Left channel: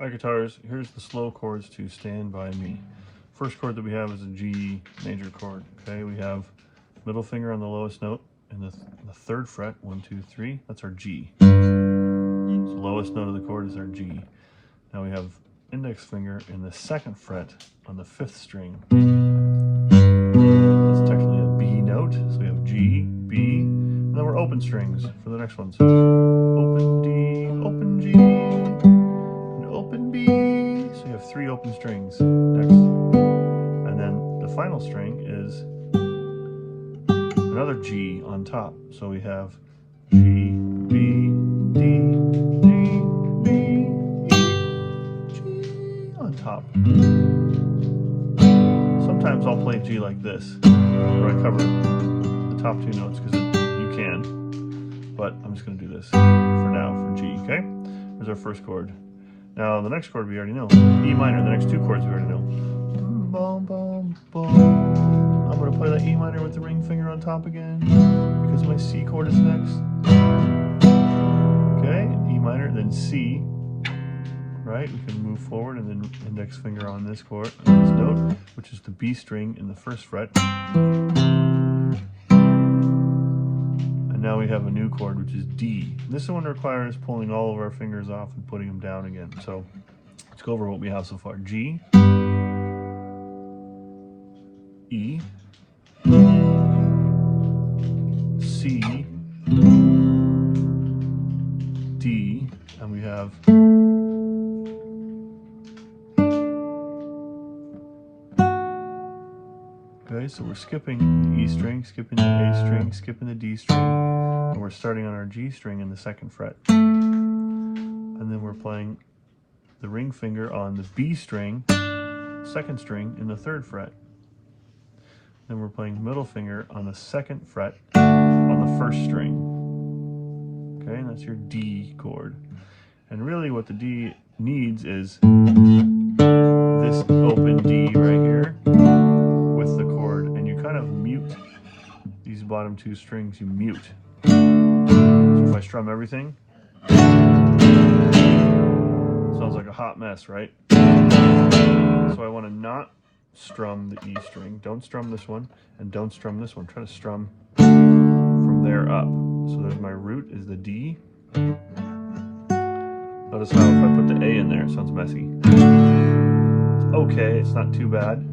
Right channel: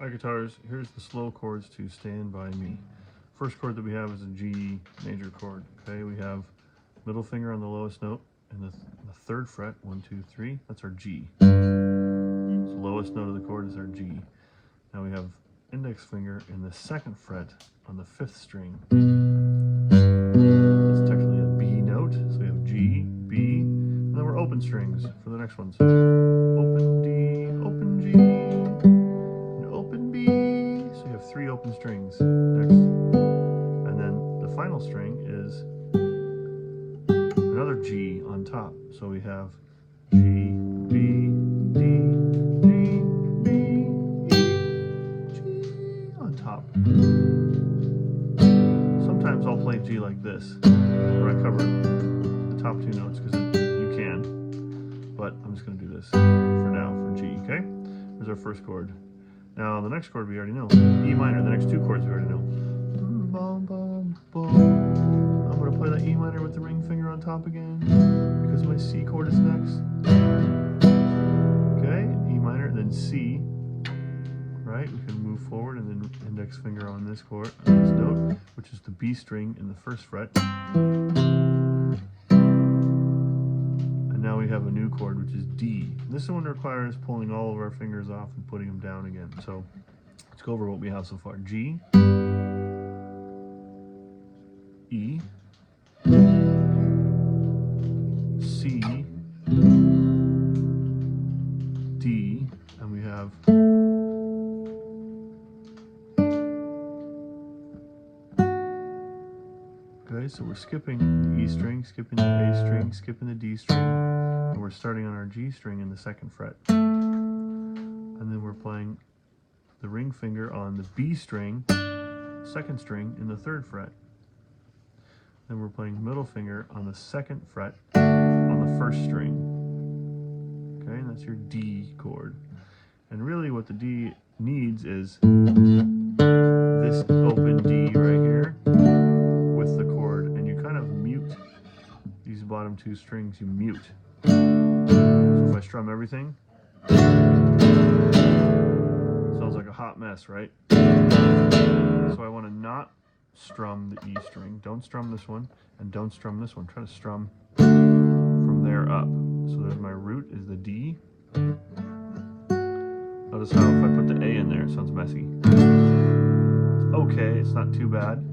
Alright guitars, here's the slow chords to Stand By Me. First chord that we have is a G major chord. Okay, we have middle finger on the lowest note in the third fret, 1, 2, 3, that's our G. So the lowest note of the chord is our G. Now we have index finger in the second fret on the 5th string. That's technically a B note, so we have G, B, and then we're open strings for the next ones. Open D, open G, open B, so you have 3 open strings next. And then the final string is another G on top. So we have G, B, D, G, B, E, G on top. Sometimes I'll play G like this, where I cover the top 2 notes because you can, but I'm just going to do this for now for G, okay? There's our first chord. Now the next chord we already know, E minor. The next 2 chords we already know. Boom, boom, boom. I'm going to play that E minor with the ring finger on top again because my C chord is next. Okay, E minor, then C. Right, we can move forward and then index finger on this chord, on this note, which is the B string in the 1st fret. And now we have a new chord, which is D. This one requires pulling all of our fingers off and putting them down again. So let's go over what we have so far. G, E, C, D, and we have okay, so we're skipping the E string, skipping the A string, skipping the D string, and we're starting on our G string in the 2nd fret. And then we're playing the ring finger on the B string, 2nd string in the 3rd fret. Then we're playing middle finger on the 2nd fret on the 1st string. Okay, and that's your D chord. And really what the D needs is this open D right here with the chord, and you kind of mute these bottom 2 strings, you mute. So if I strum everything, sounds like a hot mess, right? So I want to not strum the E string. Don't strum this one, and don't strum this one. Try to strum from there up. So there's my root is the D. Notice how if I put the A in there, it sounds messy. It's okay, it's not too bad.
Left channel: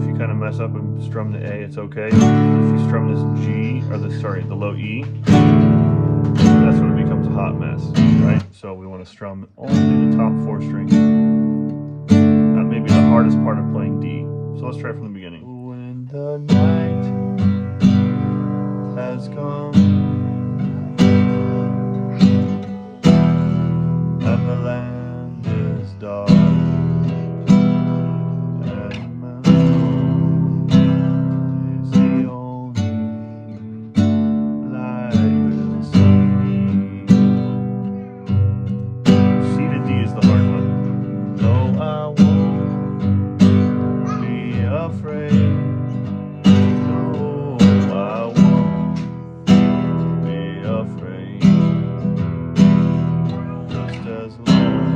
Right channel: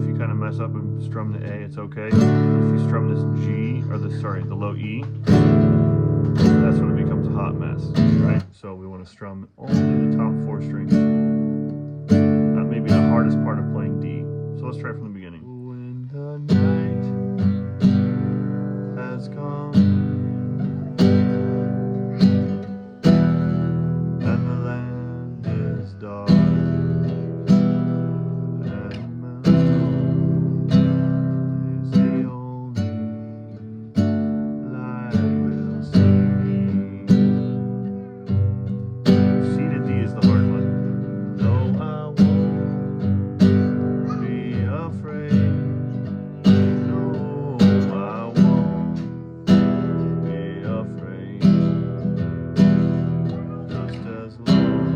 If you kind of mess up and strum the A, it's okay. If you strum this G, or the low E, that's when it becomes a hot mess, right? So we want to strum only the top 4 strings. That may be the hardest part of playing D. So let's try from the beginning. When the night has come and the land is dark and the moon is the only light we'll see. C to D is the hard one. No, I won't be afraid. No, I won't be afraid. Just as long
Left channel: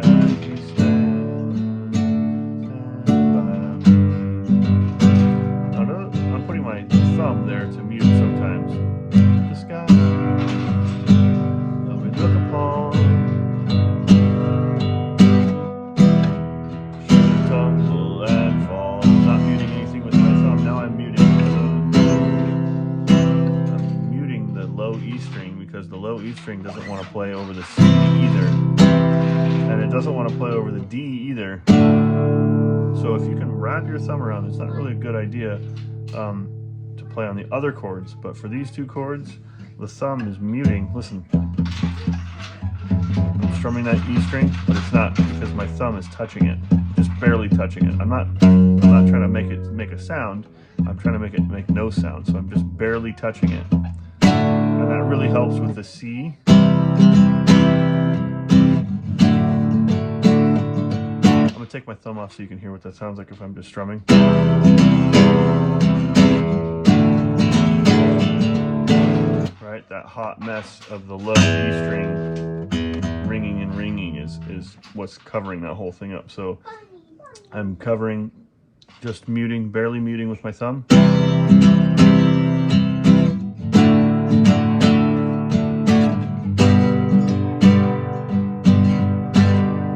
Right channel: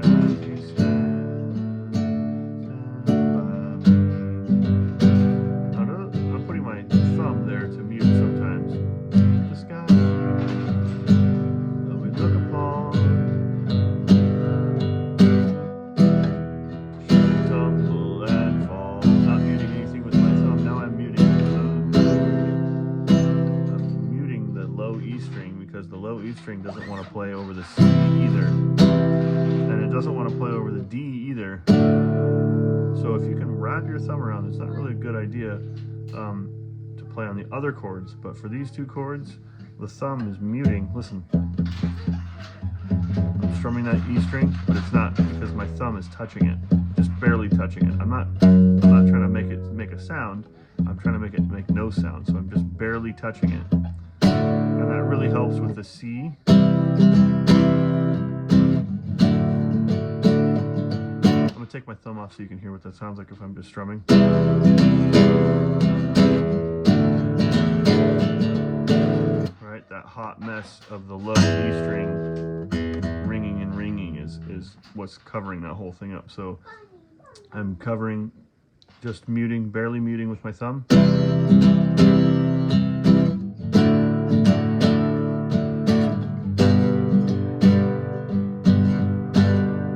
as you stand by me. I'm putting my thumb there to mute sometimes. The sky that we look upon should tumble and fall. Not muting anything with my thumb. Now I'm muting the low E string because the low E string doesn't want to play over the C either, and it doesn't want to play over the D either. So if you can wrap your thumb around, it's not really a good idea to play on the other chords, but for these 2 chords, the thumb is muting. Listen, I'm strumming that E string, but it's not because my thumb is touching it, just barely touching it. I'm not trying to make it make a sound. I'm trying to make it make no sound, so I'm just barely touching it, and that really helps with the C. I'm gonna take my thumb off so you can hear what that sounds like if I'm just strumming. Right, that hot mess of the low E string ringing what's covering that whole thing up. So I'm covering, just muting, barely muting with my thumb.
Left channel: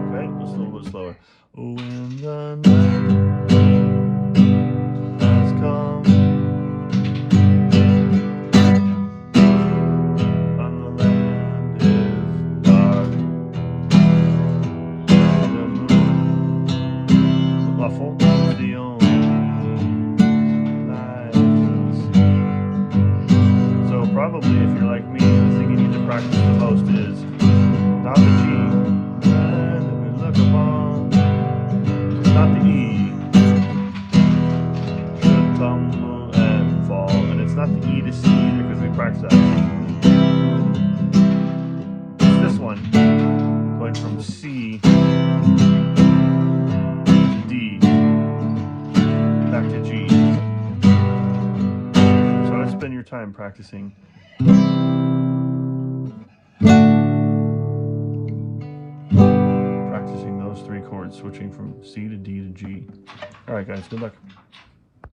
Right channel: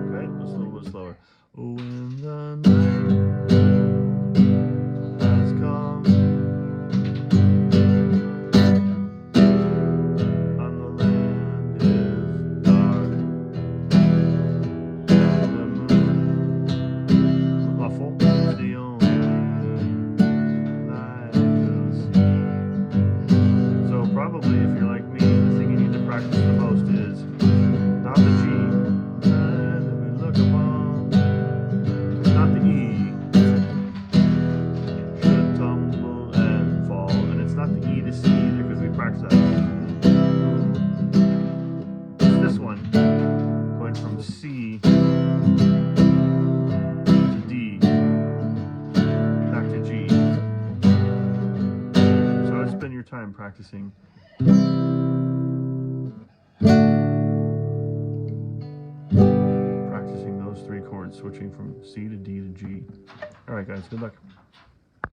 Okay, just a little bit slower. When the night has come and the land is dark, the moon, the muffle, is the only light you'll see. So probably if you're like me, the thing you need to practice the most is not the G that we look upon, not the E, should tumble and fall, and it's not the E to C either because we practice that. It's this one, going from C to D, back to G. So I would spend your time practicing those 3 chords, switching from C to D to G. All right, guys, good luck.